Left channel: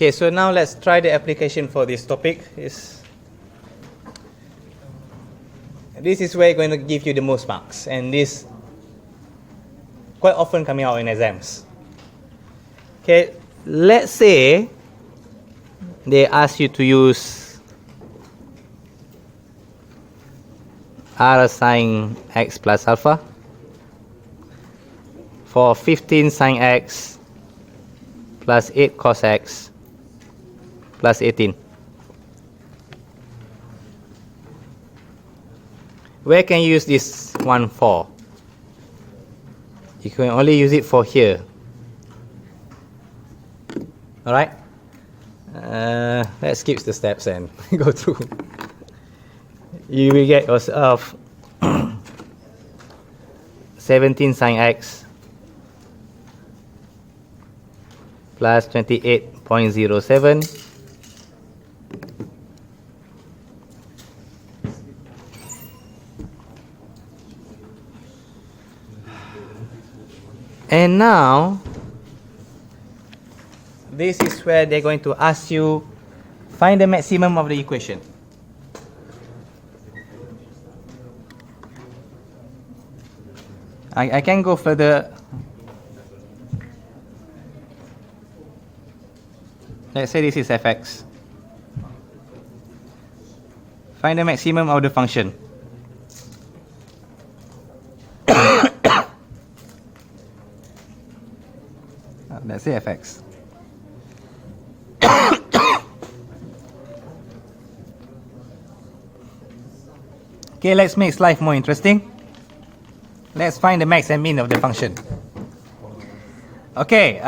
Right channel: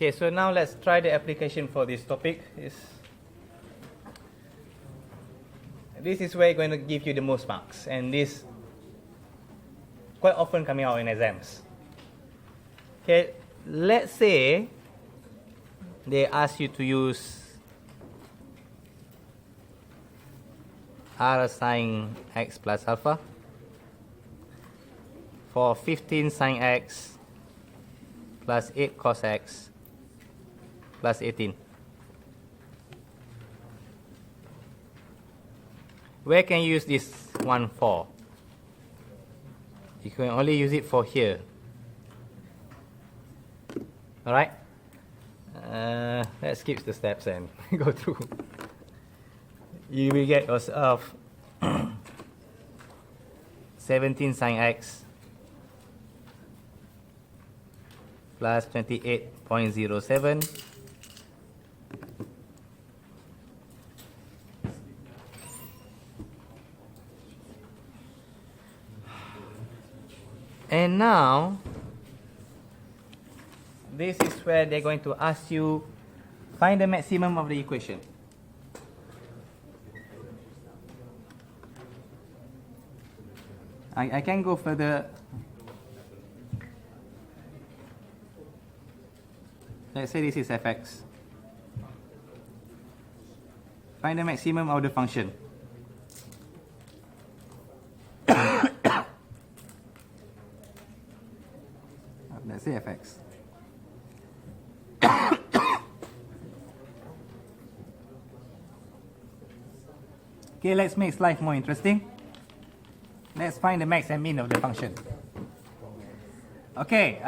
Okay, so now let's try the application for this topic. This is where it's going to give you the most marks, and this quite often coming out in exams. Okay, let's say they ask you to use r sine x plus alpha for 15 sine x plus 8 cos x plus 18. Where can you use this one for? You can only use it for here. Alright? Let's skip the steps and go through. You will get yourself 17 sine x plus 28.07 and now this is where they're going to ask you find the maximum of the equation. I can go further. Let's say this is fx. Find the maximum of the function. Let's say fx. Okay, let's make life more interesting. Let's find the max and min of the function. Okay,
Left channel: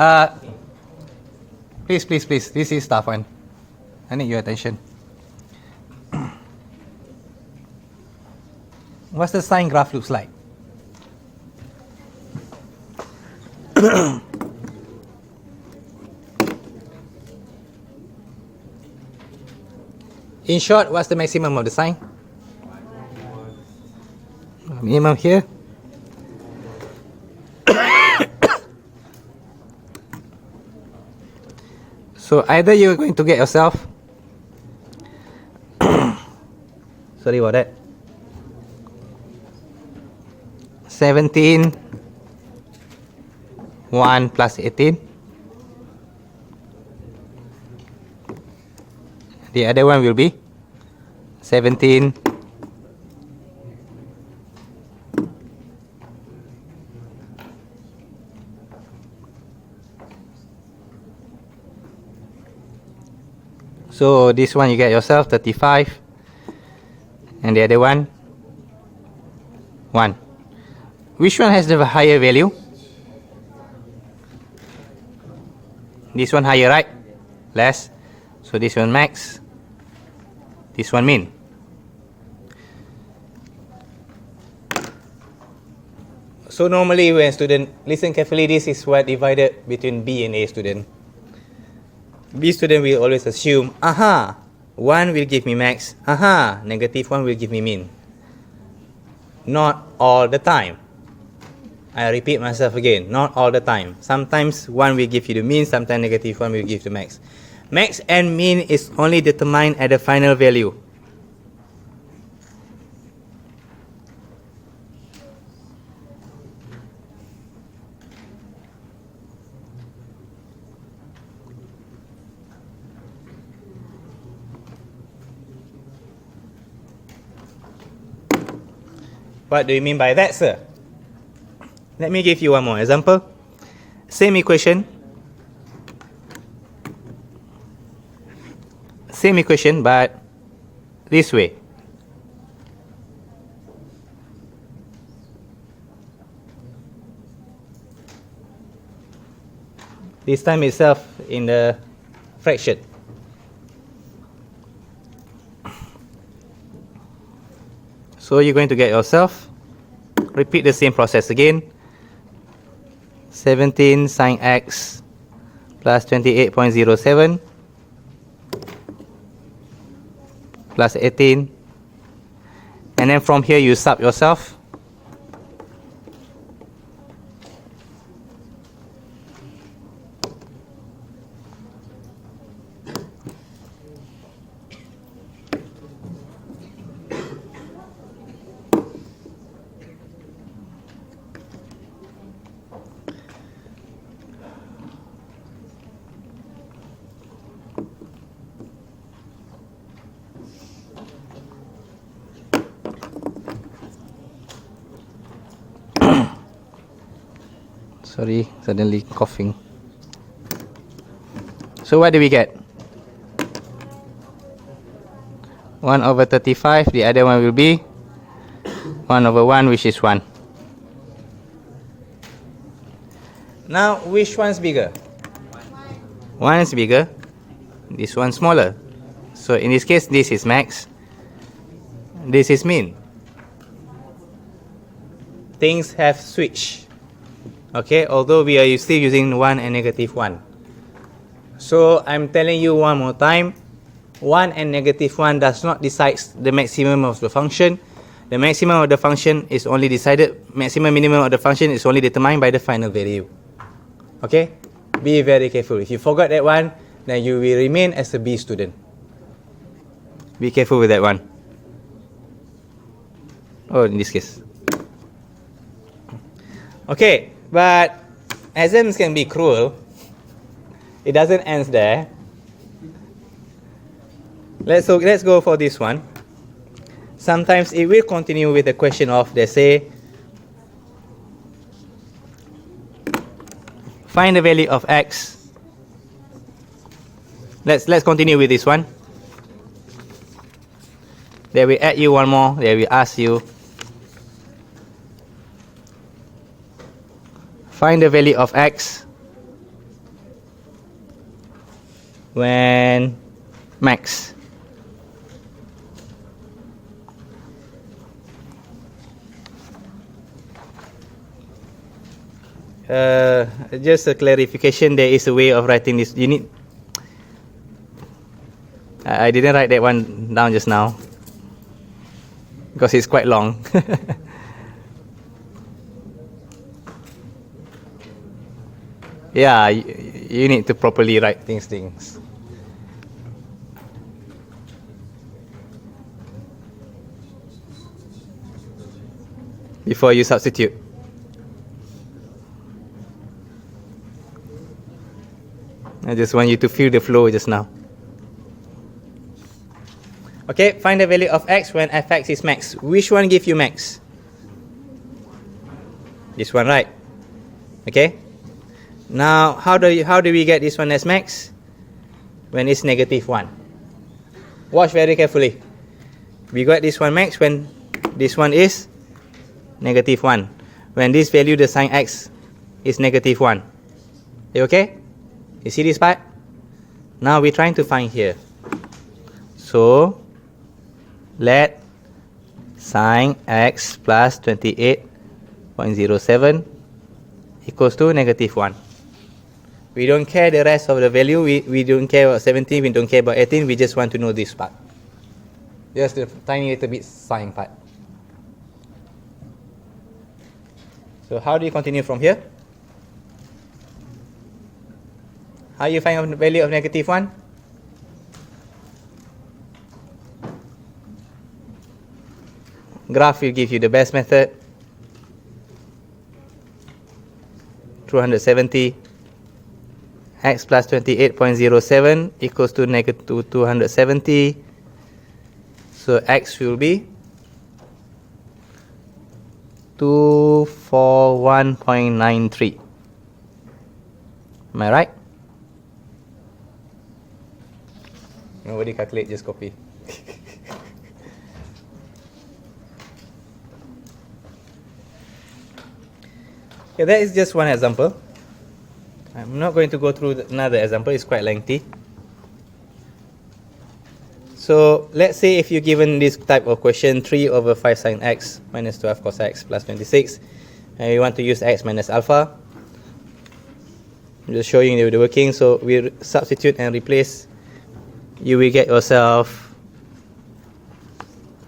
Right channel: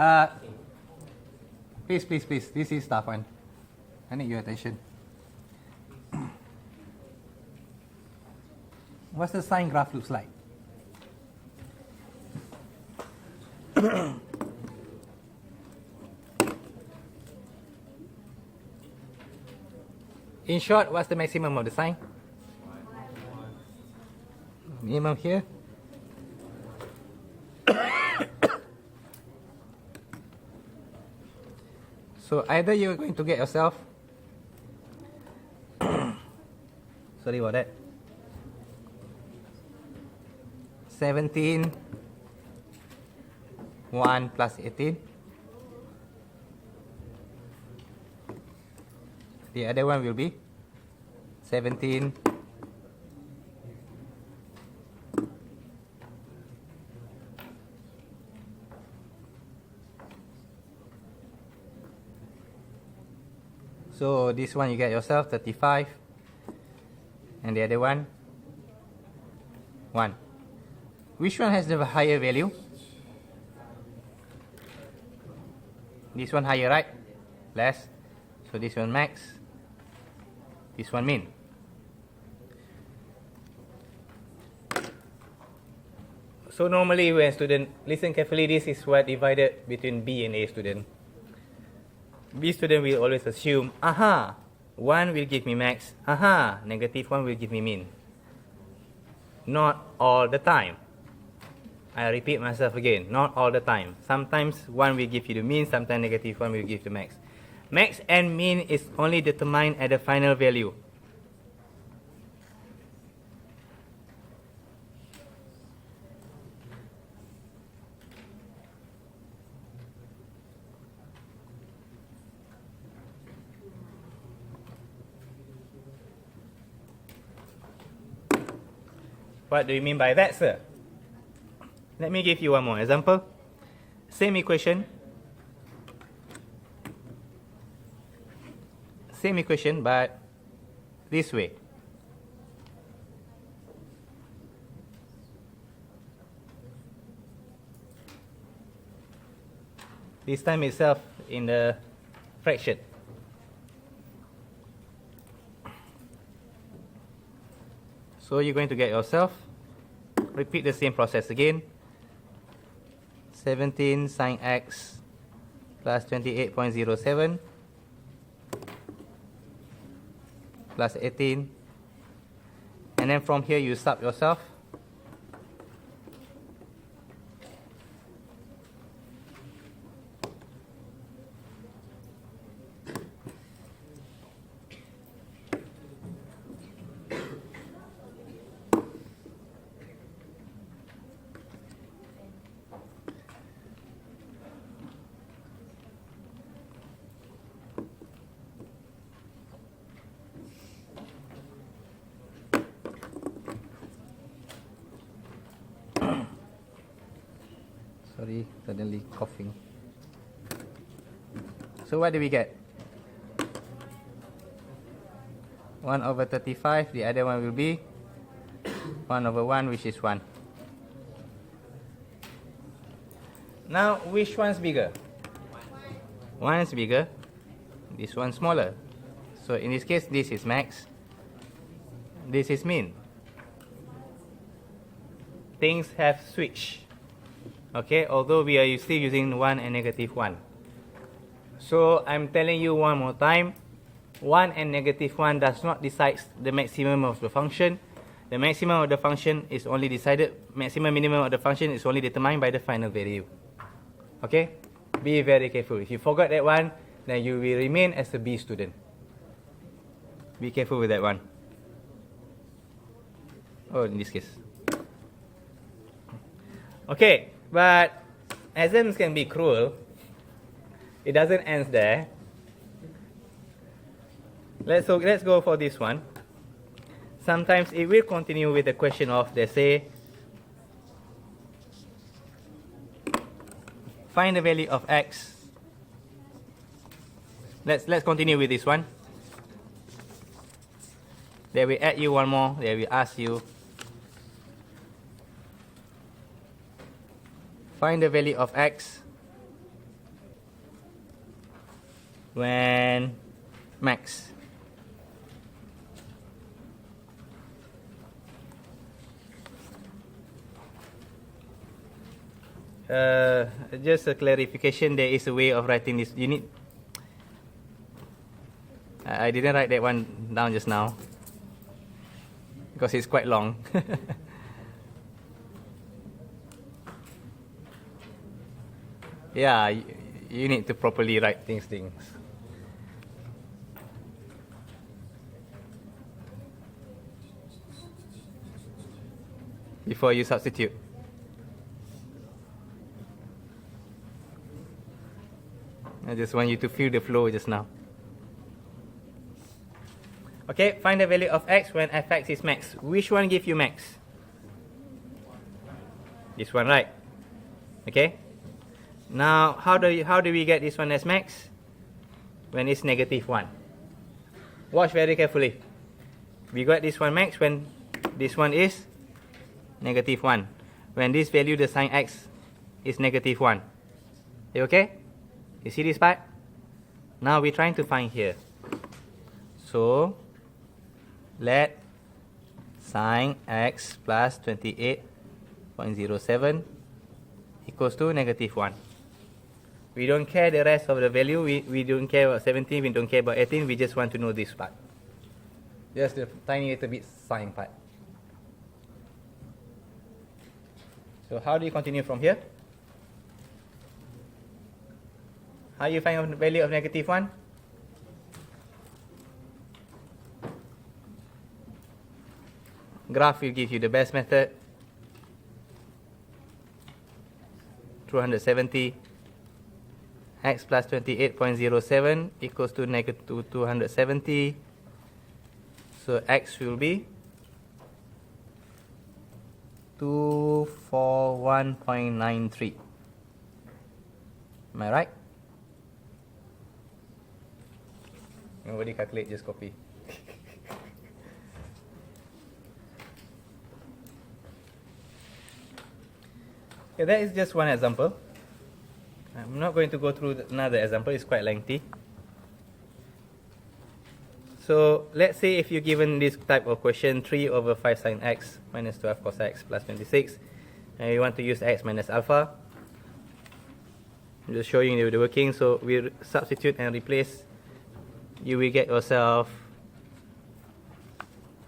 please, this is tough one. I need your attention. What's the sine graph looks like? In short, what's the maximum of the sine? Minimum here. So either you're going to get yourself sorry about that, 17 1 plus 18. The other one will be 17 so this one you get yourself 35 and the other one 1. Which one has the higher value? This one higher, right? Less. So this one max, this one min. So normally when student, listen carefully, this is what divided between B and A student. B student will always assume, aha, 1 will give me max, aha, negative 1 will give me min. Not all the time. I repeat myself again, not all the time. Sometimes 1 will give you the min, sometimes negative 1 will give the max. Max and min is only determined at the final value. What do you mean by that, sir? Let me give you one more example. Same equation. Same equation, but this way. This time itself in the fraction. So you're going to get yourself, repeat the same process again. 17 sine x plus 28.07 plus 18. And then from here you sub yourself. Sorry, suddenly coughing. So what do we get? 1 over 35, the other one will be 1 over 1, which is 1. Now, which one's bigger? 1 is bigger, this one smaller. So in this case, this is max, this is min. Things have switched. Okay, although we are still using 1 and negative 1. So I'm telling you one more time, 1 and negative 1 does not decide the maximum of the function. The maximum of the function is only decided, maximum minimum of the function is only determined by the final value. Okay, be very careful. If you forgot that one, then you will remain as a B student. Be careful with that one. Oh, in this case. Okay, but exams can be cruel. It doesn't end there. Let's go for this one. Sometimes it will continue with the question of, they say, find the value of x. Let's continue with this one. They will add you one more. They will ask you, find the value of x when max. Just a clarification, there is a way of writing this. You need. I didn't write that one down just now because it's quite long. Yeah, you need to properly write things. Before you substitute. I just want you to feel the flow just now. Okay, find the value of x when fx is max. Which one gives you max? This one, right? Okay. Now, how do we get this one as max? When it's negative 1. Watch very carefully. We got this one max when this one is negative 1. When this value, the sign x, is negative 1. You okay? You see this part? Now we're trying to find here. So, let sine x plus 28.07 equals to negative 1. We don't care the rest of the value. We don't care about 17. We don't care about 18. We just want to know this part. Just the tiny little bit sine part. So how do you continue from here? How you find the value of negative 1? Graph will give you the best method. 270. X plus 28.07 equals to negative 270. So x will be 241.93. Am I right? Nobody calculate, just copy. Okay, that is just one example. I'm not going to go through another example, it's quite lengthy. So let's say if you're given this type of question, 3 over 5 sine x minus 12 cos x plus 26, and you want to use x minus alpha. I'm just showing you the working. So we substitute and replace. You will get yourself,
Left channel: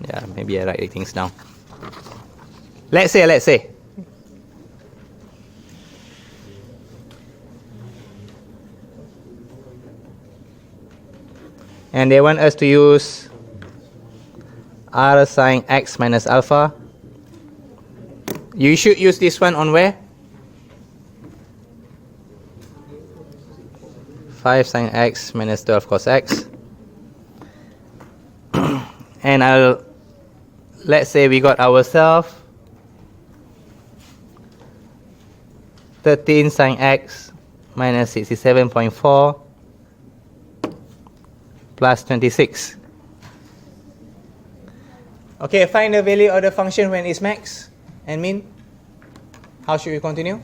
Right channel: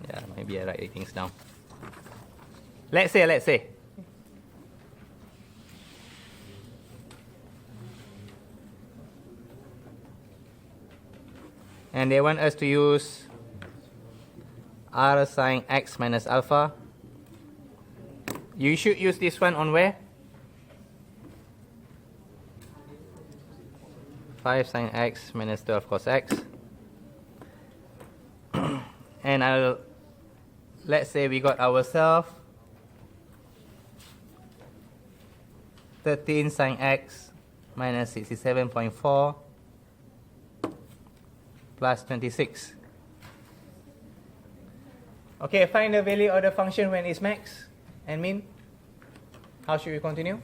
yeah, maybe I write things down. Let's say. And they want us to use r sine x minus alpha. You should use this one on where? 5 sine x minus 12 cos x. And let's say we got ourselves 13 sine x minus 67.4 plus 26. Okay, find the value of the function when it's max and min. How should we continue?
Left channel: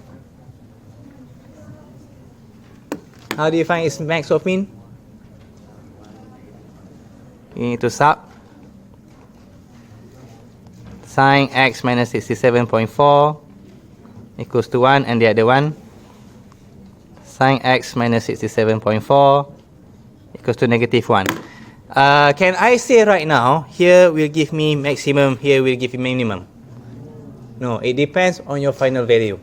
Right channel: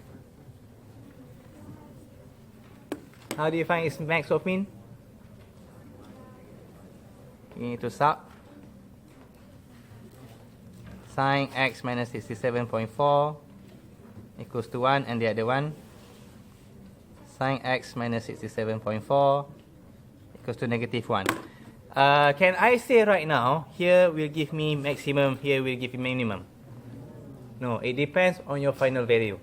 How do you find its max or min? You need to sub sine x minus 67.4 equals to 1, and the other one sine x minus 67.4 equals to negative 1. Can I say right now, here will give me maximum, here will give me minimum? No, it depends on your final value.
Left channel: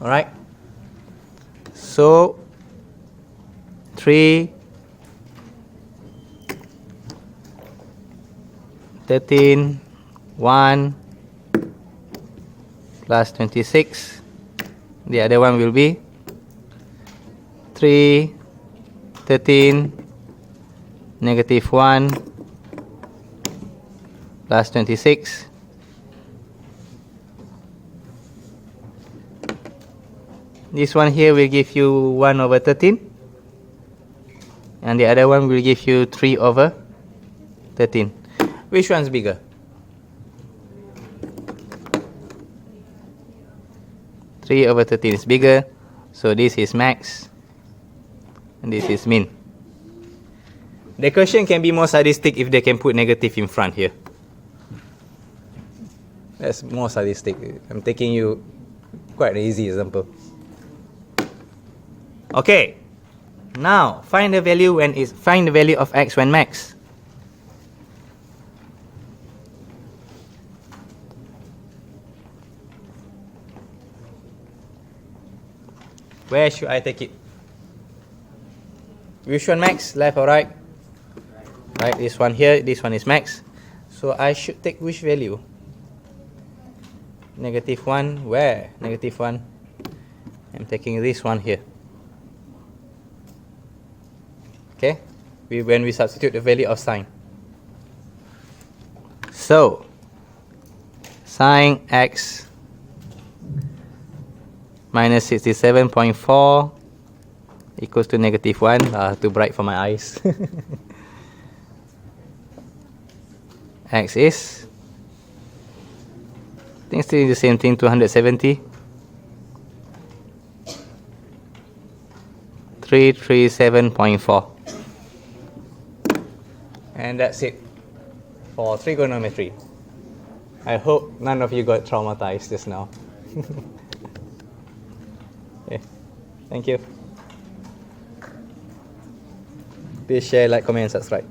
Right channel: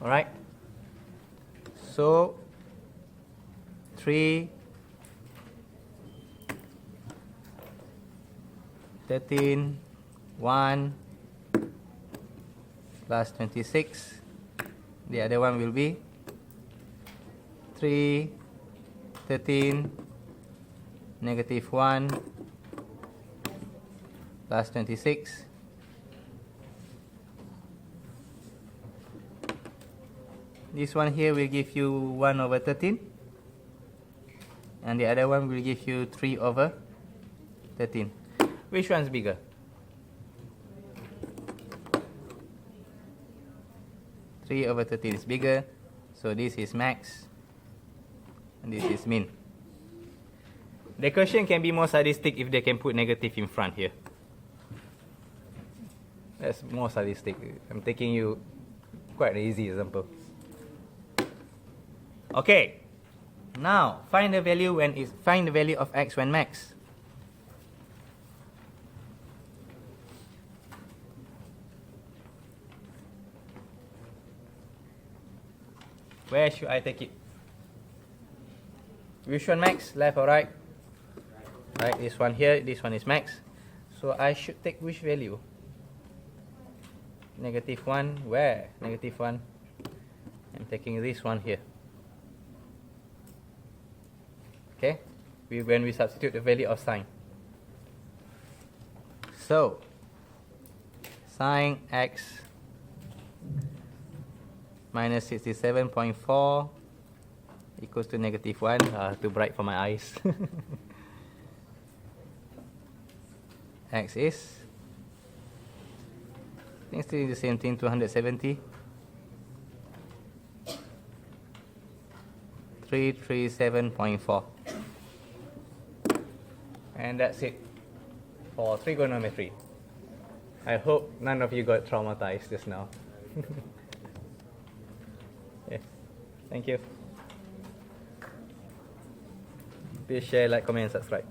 Alright? So, 3, 13, 1, plus 26. The other one will be 3, 13, negative 1, plus 26. This one here will give you 1 over 13. And the other one will give you 3 over 13. Which one's bigger? Three over 13 is bigger, so this is max, and this is min. The question can be more sadistic if they can put negative in front here. That's more sadistic. I'm taking you quite an easy example. Okay, now find the value of x when max. Where should I take it? Which one max? Left or right? Right, this one here, this one is max. So I should take which value? Negative 1, where? Negative 1. I'm taking this one here. Okay? When we substitute the value of sine. So, sine x minus 67.4 equals to negative 1. Too bright for my eyes. X is, I think still the same thing, 270. 337.4. And that's it for trigonometry. I hope none of you got traumatized just now. Okay. Thank you. Please share, like, comment, and subscribe.